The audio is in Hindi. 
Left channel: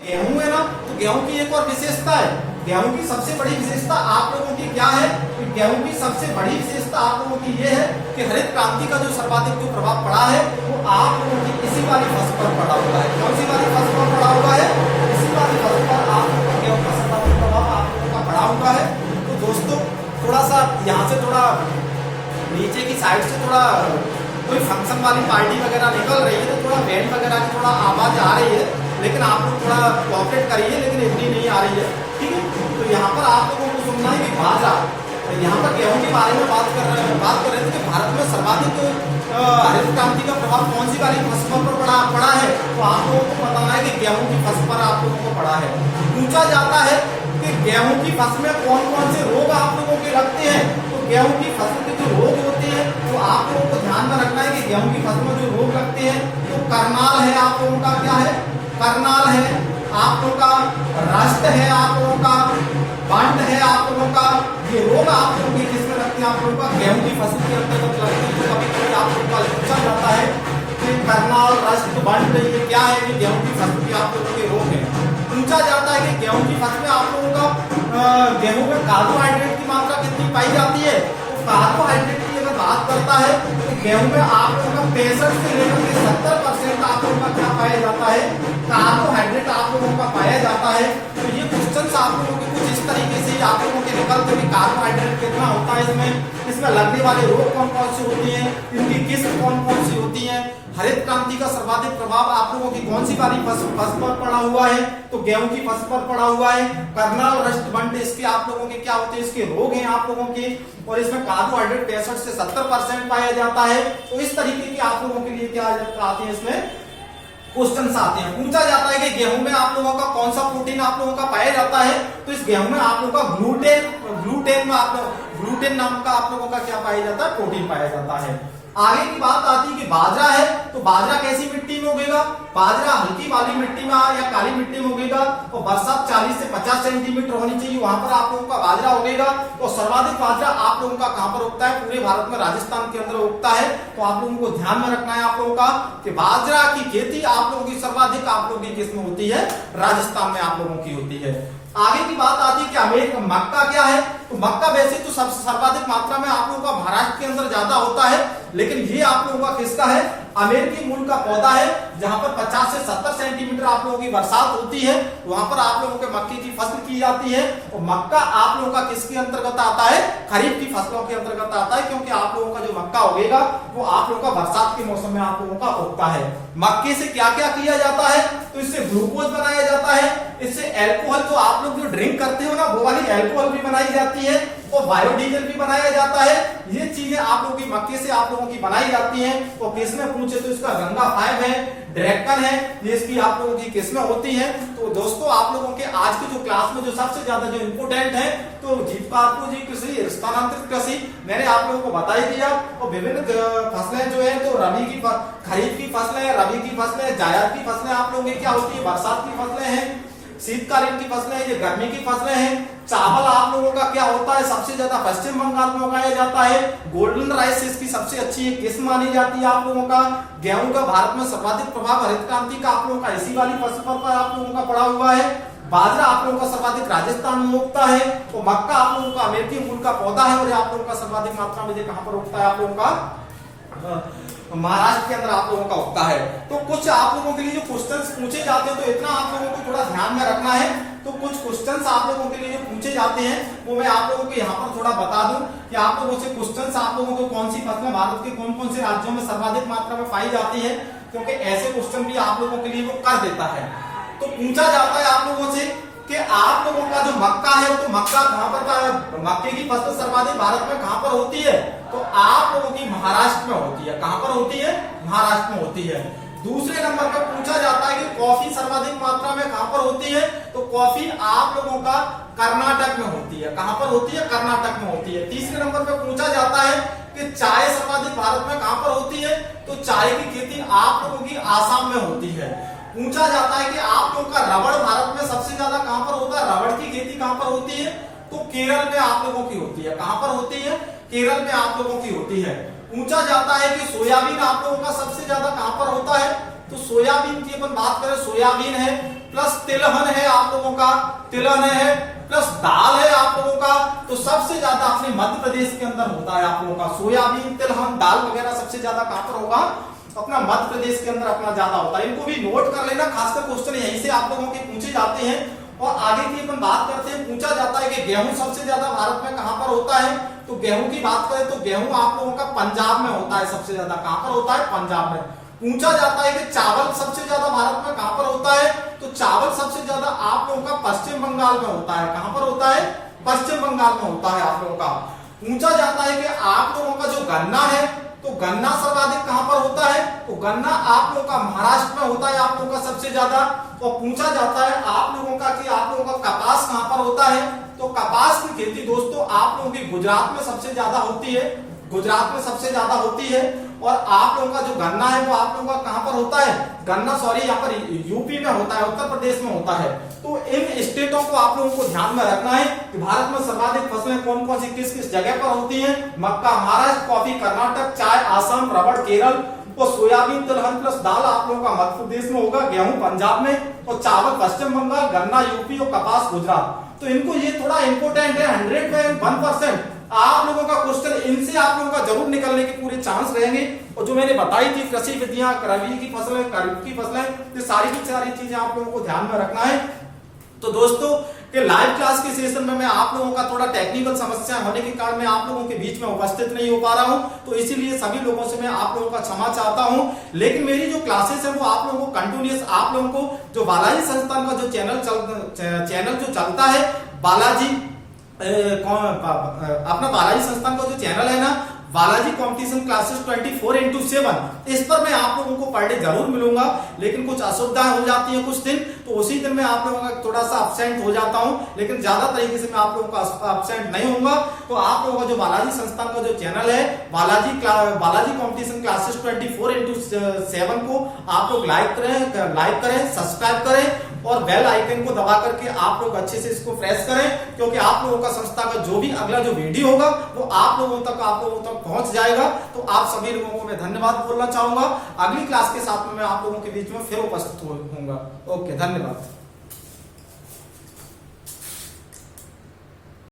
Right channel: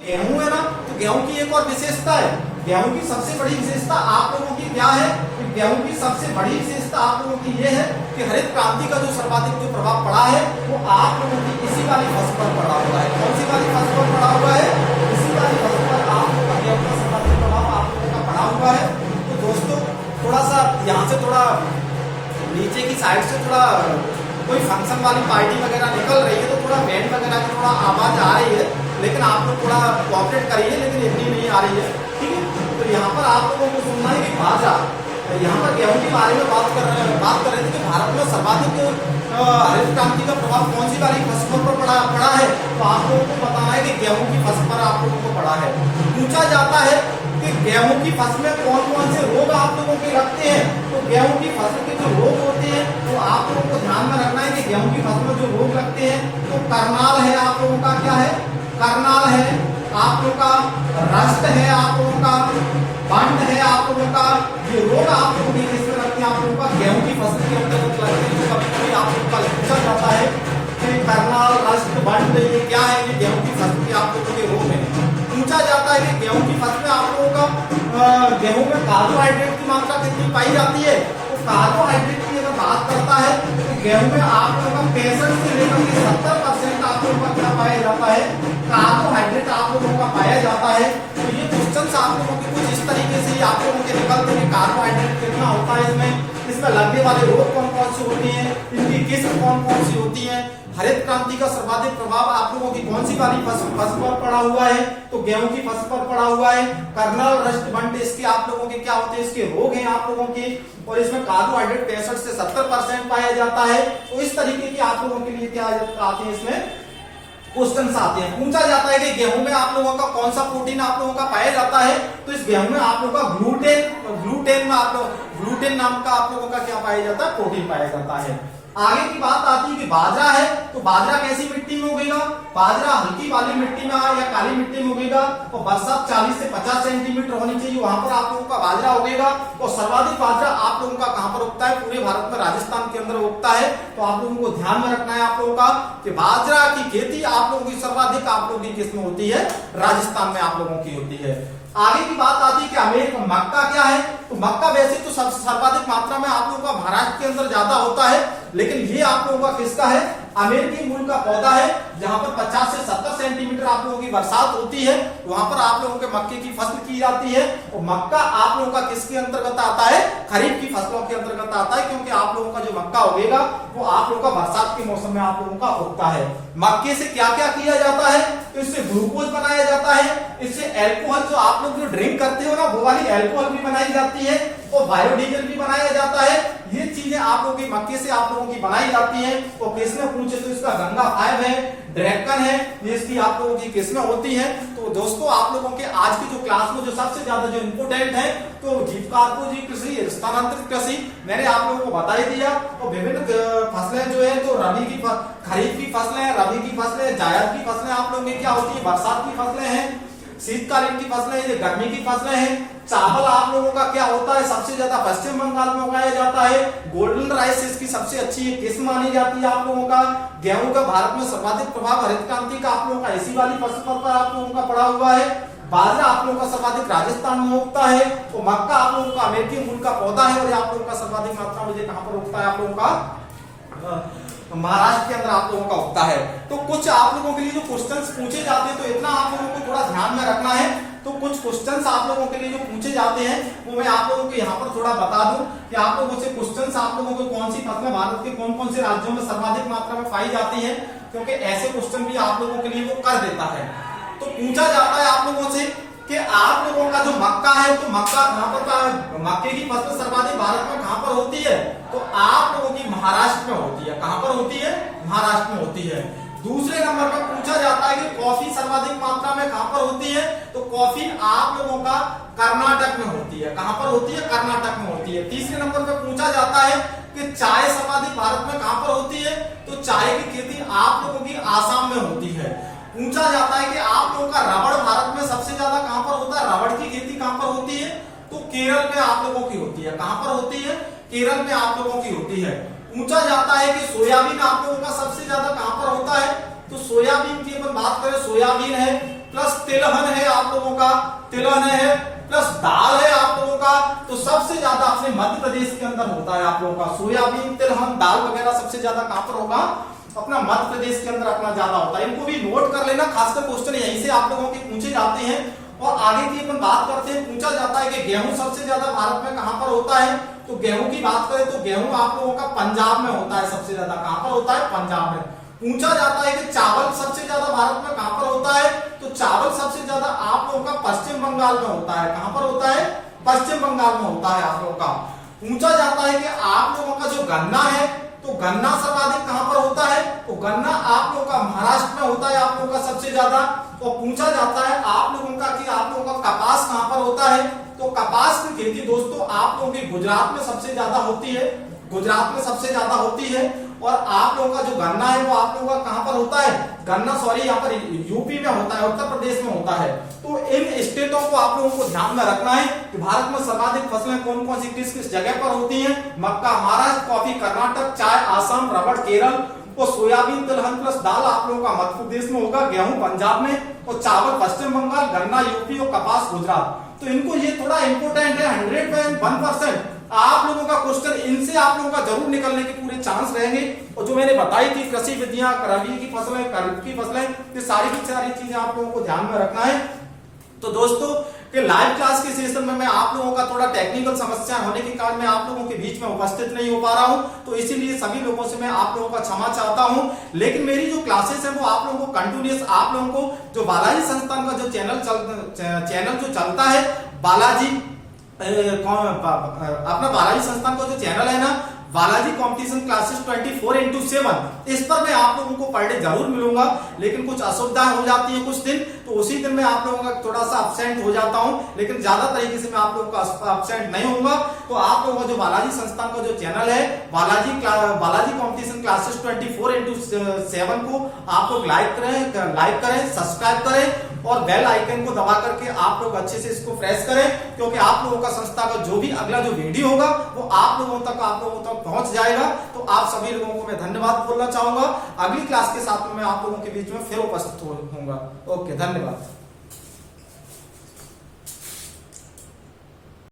गेहूं है ना, तो गेहूं की एक और विशेषता है। गेहूं की सबसे बड़ी विशेषता आप लोगों की क्या है कि गेहूं की सबसे बड़ी विशेषता आप लोगों की ये है कि हरित क्रांति का जो सर्वाधिक जो प्रभाव पड़ा है वो आप लोगों की इसी वाली फसल पर पड़ा हुआ है। कौन सी वाली फसल पर पड़ा हुआ है? इसी वाली फसल पर आप लोगों का गेहूं का सर्वाधिक प्रभाव आप लोगों का पड़ा हुआ है। तो दोस्तों थोड़ा सा यहाँ से थोड़ा नीचे की साइड से थोड़ा कोई फंक्शन वाली पार्टी वगैरह निकल रही है तो थोड़ा बैंड वगैरह की थोड़ा आवाज आ रही है, लेकिन आप लोग थोड़ा कोऑपरेट करिए, लेकिन इतनी नहीं आ रही है, ठीक है। तो यहाँ पर आप लोगों को सुनना है कि बाजरा, यहाँ पर गेहूं के बारे में बात कर रहे थे कि भारत में सर्वाधिक हरित क्रांति का प्रभाव कौन सी वाली फसलों पर पड़ा है। तो आप लोगों को बताना है कि गेहूं की फसल पर आप लोगों को पड़ा है। पूछा जाता है कि गेहूं की फसल में कौन कौन से रोग आप लोगों के लगते हैं। तो गेहूं की फसल के जो रोग होते हैं वो आप लोगों को ध्यान में रखना है कि गेहूं की फसल में जो रोग लगते हैं तो करनाल है, आप लोगों का क्या है, करनाल है, आप लोगों का रस्ट है, आप लोगों का बंड है, आप लोगों का ये रोग आप लोगों की किसमें लगते हैं, आप लोगों का गेहूं की फसल के अंतर्गत लगते हैं। तो कभी कभी आप लोगों का पूछा जाता है कि करनाल, रस्ट, बंड ये क्या है, ये गेहूं की फसल के आप लोगों के रोग है। पूछा जाता है कि गेहूं की फसल में आप लोगों का गेहूं में कार्बोहाइड्रेट की मात्रा कितनी पाई जाती है। तो कार्बोहाइड्रेट की अगर बात करता है तो गेहूं में आप लोगों का 65 से लेकर के 70% आप लोगों का क्या पाया जाता है, कार्बोहाइड्रेट आप लोगों का पाया जाता है। तो ये क्वेश्चन आप लोगों के कुछ इस तरीके से आप लोगों के निकलते हैं, कार्बोहाइड्रेट कितना होता है इसमें लगने वाले रोग कौन कौन से होती हैं, इनकी किस्म कौन कौन सी होती है, हरित क्रांति का सर्वाधिक प्रभाव आप लोगों की कौन सी वाली फसल पर पड़ा हुआ है। तो गेहूं की फसल पर पड़ा हुआ है। करनाल, रस्ट, बंड इसके आप लोगों के क्या होते हैं, इसके रोग हैं आप लोगों के, और इसमें कार्बोहाइड्रेट 65 से 70% पाया जाता है। तो इस तरीके की आप लोगों के लिए क्या आते हैं, इसमें क्वेश्चन आते हैं। पूछा जाता है कि गेहूं में आप लोगों का कौन सा प्रोटीन आप लोगों का पाया जाता है। तो इस गेहूं में आप लोगों का ग्लूटेन नाम का आप लोगों का क्या पाया जाता है, प्रोटीन पाया जाता है। आगे की बात आती है कि बाजरा है, तो बाजरा कैसी मिट्टी में उगेगा, बाजरा हल्की वाली मिट्टी में या काली मिट्टी में उगेगा। तो बरसात 40 से 50 सेंटीमीटर होनी चाहिए, वहां पर आप लोगों का बाजरा उगेगा। तो सर्वाधिक बाजरा आप लोगों का कहां पर उगता है, पूरे भारत में राजस्थान के अंदर उगता है। तो आप लोगों को ध्यान में रखना है आप लोगों का कि बाजरा की खेती आप लोगों की सर्वाधिक आप लोगों की किस्म होती है, राजस्थान में आप लोगों की होती है। आगे की बात आती है कि अमेरिका मक्का क्या है। तो मक्का वैसे तो सर्वाधिक मात्रा में आप लोगों का महाराष्ट्र के अंदर ज्यादा होता है, लेकिन ये आप लोगों का किसका है, अमेरिकी मूल का पौधा है, जहां पर 50 से 70 सेंटीमीटर आप लोगों की बरसात होती है। वहां पर आप लोगों के मक्के की फसल की जाती है। और मक्का आप लोगों का किसके अंतर्गत आता है, खरीफ की फसलों के अंतर्गत आता है, क्योंकि आप लोगों का जो मक्का उगेगा वो आप लोगों का बरसात के मौसम में आप लोगों का उगता है। मक्के से क्या क्या किया जाता है, तो इससे ग्लूकोज बनाया जाता है, इससे एल्कोहल, जो आप लोग जो ड्रिंक करते हो ना वो वाली एल्कोहल भी बनाई जाती है, और बायोडीजल भी बनाया जाता है। ये चीजें आप लोगों की मक्के से आप लोगों की बनाई जाती हैं। तो किस्में पूछे तो इसका गंगा 5 है, ड्रैगन है, ये इसकी आप लोगों की किस्में होती हैं। तो दोस्तों आप लोगों के आज की जो क्लास में जो सबसे ज्यादा जो इम्पोर्टेंट है तो जीविकोपार्जी कृषि, स्थानांतरित कृषि मैंने आप लोगों को बता ही दिया। और विभिन्न फसलें जो है तो रबी की खरीफ की फसलें, रबी की फसलें, जायद की फसलें आप लोगों की क्या होती है, बरसात की फसलें हैं, शीतकालीन की फसलें, ये गर्मी की फसलें हैं। चावल आप लोगों का क्या होता है, सबसे ज्यादा पश्चिम बंगाल में उगाया जाता है। गोल्डन राइस इसकी सबसे अच्छी किस्म मानी जाती है आप लोगों का। गेहूं का भारत में सर्वाधिक प्रभाव हरित क्रांति का आप लोगों का इसी वाली फसल पर आप लोगों का पड़ा हुआ है। बाजरा आप लोगों का सर्वाधिक राजस्थान में उगता है। तो मक्का आप लोगों का अमेरिकी मूल का पौधा है, और आप लोगों का सर्वाधिक मात्रा में कहां पर उगता है, आप लोगों का महाराष्ट्र के अंदर आप लोगों का उगता है। तो कुछ आप लोगों के लिए जो क्वेश्चंस पूछे जाते हैं तो इतना आप लोगों को थोड़ा ध्यान में रखना है। तो कुछ क्वेश्चंस आप लोगों के लिए जो पूछे जाते हैं वो मैं आप लोगों को यहाँ पर थोड़ा बता दूं कि आप लोगों से क्वेश्चंस आप लोगों को कौन सी फसलें भारत के कौन कौन से राज्यों में सर्वाधिक मात्रा में पाई जाती है, क्योंकि ऐसे क्वेश्चन भी आप लोगों के लिए वो कर देता है। तो पूछा जाता है आप लोगों से कि आप लोगों का जो मक्का है तो मक्का कहां पर, मक्के की फसल सर्वाधिक भारत में कहां पर होती है, तो आप लोगों की महाराष्ट्र में होती है। कहां पर होती है, महाराष्ट्र में होती है। दूसरे नंबर पर पूछा जाता है कि कॉफी सर्वाधिक मात्रा में कहां पर होती है, तो कॉफी आप लोगों का कर्नाटक में होती है। कहां पर होती है, कर्नाटक में होती है। तीसरे नंबर पर पूछा जाता है कि चाय सर्वाधिक भारत में कहां पर होती है, तो चाय की खेती आप लोगों की आसाम में होती है। पूछा जाता है कि आप लोगों का रबड़ भारत में सबसे ज्यादा कहां पर होता है, रबड़ की खेती कहां पर होती है, तो केरल में आप लोगों की होती है। कहां पर होती है, केरल में आप लोगों की होती है। पूछा जाता है कि सोयाबीन आप लोगों का सबसे ज्यादा कहां पर होता है, तो सोयाबीन की अपन बात करें, सोयाबीन है प्लस तिलहन है आप लोगों का, तिलहन है प्लस दाल है आप लोगों का। तो सबसे ज्यादा अपने मध्य प्रदेश के अंदर होता है आप लोगों का सोयाबीन, तिलहन, दाल वगैरह सबसे ज्यादा कहां पर होगा, अपना मध्य प्रदेश के अंदर अपना ज्यादा होता है। इनको भी नोट कर लेना, खासकर क्वेश्चन यहीं से आप लोगों के पूछे जाते हैं। और आगे की अपन बात करते हैं, पूछा जाता है कि गेहूं सबसे ज्यादा भारत में कहां पर होता है। तो गेहूं की बात करें तो गेहूं आप लोगों का पंजाब में होता है, सबसे ज्यादा कहां पर होता है, पंजाब में। पूछा जाता है कि चावल सबसे ज्यादा भारत में कहां पर होता है, तो चावल सबसे ज्यादा आप लोगों का पश्चिम बंगाल में होता है। कहां पर होता है, पश्चिम बंगाल में होता है आप लोगों का। पूछा जाता है कि आप लोगों का जो गन्ना है, तो गन्ना सर्वाधिक कहां पर होता है, तो गन्ना आप लोगों का महाराष्ट्र में होता है आप लोगों का सबसे ज्यादा। और पूछा जाता है आप लोगों का कि आप लोगों का कपास कहां पर होता है, तो कपास की खेती दोस्तों आप लोगों की गुजरात में सबसे ज्यादा होती है, गुजरात में सबसे ज्यादा होती है। और आप लोगों का जो गन्ना है वो आप लोगों का कहां पर होता है, गन्ना सॉरी यहाँ पर यूपी में होता है, उत्तर प्रदेश में होता है। तो इन स्टेटों को आप लोगों को ध्यान में रखना है कि भारत में सर्वाधिक फसलें कौन कौन सी किस किस जगह पर होती हैं। मक्का महाराष्ट्र, कॉफी कर्नाटक, चाय आसाम, रबड़ केरल, और सोयाबीन, तिलहन प्लस दाल आप लोगों का मध्य प्रदेश में होगा, गेहूं पंजाब में, और चावल पश्चिम बंगाल, गन्ना यूपी और कपास गुजरात। तो इनको ये थोड़ा इंपोर्टेंट है, 101% आप लोगों का क्वेश्चन इनसे आप लोगों का जरूर निकलने के पूरे चांस रहेंगे। और जो मैंने बताई थी कृषि विधियां, रबी की फसलें, खरीफ की फसलें, ये सारी की सारी चीजें आप लोगों को ध्यान में रखना है। तो दोस्तों कि लाइव क्लास के सेशन में मैं आप लोगों का थोड़ा टेक्निकल समस्या होने के कारण मैं आप लोगों के बीच में उपस्थित नहीं हो पा रहा हूं, तो इसीलिए सभी लोगों से मैं आप लोगों का क्षमा चाहता हूं। लेकिन मेरी जो क्लासेस है वो आप लोगों को कंटिन्यूअस, आप लोगों को जो बालाजी संस्थान का जो चैनल जो चलता है, बालाजी अपना बालाजी संस्थान का जो चैनल है ना, बालाजी कंपटीशन क्लासेस 24/7, इस पर मैं आप लोगों को पर डे जरूर मिलूंगा। लेकिन कुछ असुविधाएं हो जाती है कुछ दिन, तो उसी दिन मैं आप लोगों का थोड़ा सा एब्सेंट हो जाता हूं, लेकिन ज्यादा तरीके से मैं आप लोगों का एब्सेंट नहीं होऊंगा। तो आप लोगों का जो बालाजी संस्थान का जो चैनल है, बालाजी कंपटीशन क्लासेस 24/7 को आप लोग लाइक करें, सब्सक्राइब करें और बेल आइकन को दबा करके आप लोग अच्छे से इसको प्रेस करें, क्योंकि आप लोगों का संस्था का जो भी अगला जो वीडियो होगा वो आप लोगों तक पहुंच जाएगा। तो आप सभी लोगों को मैं धन्यवाद बोलना चाहूंगा। अगली क्लास के साथ में मैं आप लोगों के बीच में फिर उपस्थित होऊंगा। ओके, धन्यवाद।